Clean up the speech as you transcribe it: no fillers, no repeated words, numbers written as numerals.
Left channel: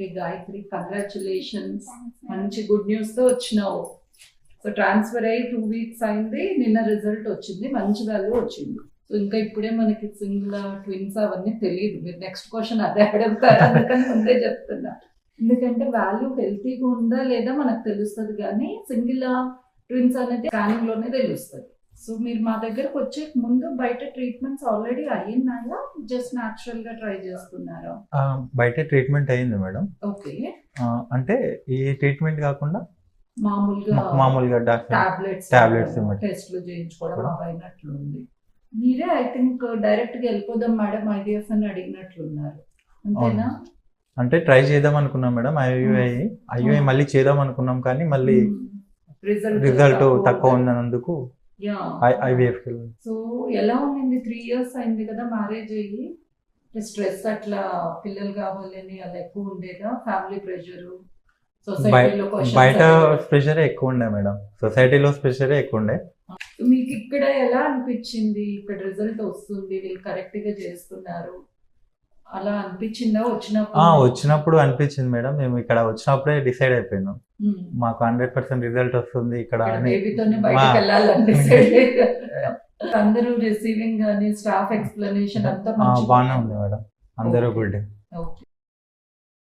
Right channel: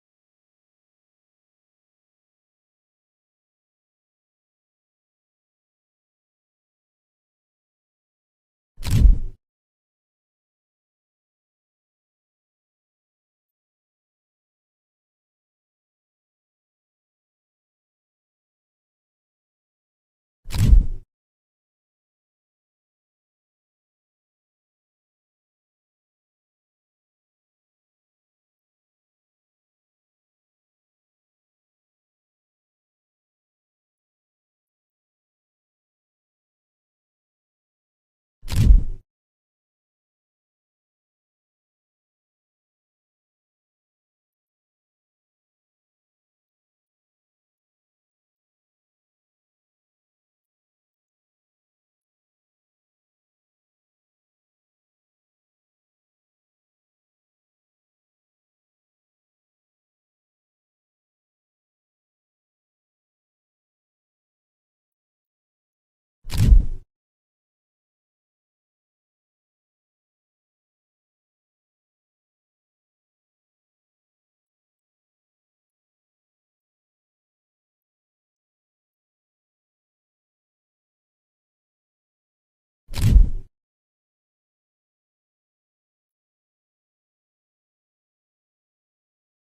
Okay Gayatri, congratulations. మంచి good news తో వచ్చినావు. సో ట్రాన్స్ఫర్ అయ్యి 2 weeks అయింది, నిన్న రిజల్ట్ వచ్చింది, మంచి వాల్యూ వచ్చింది. సో ఇంకా ఇప్పుడే మనకి సింగిల్ ట్విన్స్ అవన్నీ తెలియదు. మీరు నెక్స్ట్ క్వశ్చన్ అదే అడుగుతారు, అందుకని ముందే చెప్తున్నా. ఎందుకంటే వాల్యూ హెల్తీగా ఉందా లేదా మనకు తెలుస్తుంది, కానీ సింగిల్ ట్విన్స్ అనేది స్కానింగ్ లోనే తెలుస్తుంది. సో మీరు మా దగ్గరకు వచ్చే ముందు బయట ట్రీట్మెంట్స్ ఆల్రెడీ అయ్యిందా, జస్ట్ న్యాచురల్ గా ట్రై చేస్తున్నారా? బయట ట్రీట్మెంట్ అయింది మేడం. ఓకే, అంటే ఈ ట్రీట్మెంట్ కాకుండా మామూలుగా టాబ్లెట్స్ టెస్ట్లు చేయించుకోవడం అయినట్లు ఉంది. మీరే ఐ థింక్ డైరెక్ట్ గా వెళ్ళిపోదాం మేడం ఐవీఎఫ్ అని అడిగినట్లున్నారు, అంతేనా? అంటే ట్రై చేద్దాం అనుకున్నాం మేడం. ఐయుఐ మళ్ళీ చేద్దాం అనుకున్నాం, కానీ మళ్ళీ రిజల్ట్ తక్కువ ఉన్నందుకు ఐవీఎఫ్. సో ఎలా ఉంది? 3 years అయింది కదా మ్యారేజ్ అయ్యి. స్ట్రెస్ అట్లా పిల్లలు కావాలని అలా ఎక్కువ ఉండేదా? ఫ్యామిలీ ప్రెషర్, బయట ప్రెషరే ఎక్కువ ఉండే మేడం, సొసైటీలో ప్రెషరే ఎక్కువ ఉండే. మీకు ఇక్కడ ఎలా అనిపించింది? ఇక్కడ రిజల్ట్ వస్తుంది, వీళ్ళు కరెక్ట్ గా చేస్తున్నారు, అలా అనిపించిందా? వచ్చినప్పుడు అనిపించింది మేడం. మేము ఇక్కడ వచ్చినప్పుడే డిసైడ్ అయిపోయినాం, మాకు 100% రిజల్ట్ వస్తుంది ఇక్కడ. అందరూ రిసీవింగ్ కానీ స్టాఫ్ ఎక్స్ప్లెనేషన్ అంతా బాగానే ఉంది మేడం, అందరూ గుడ్.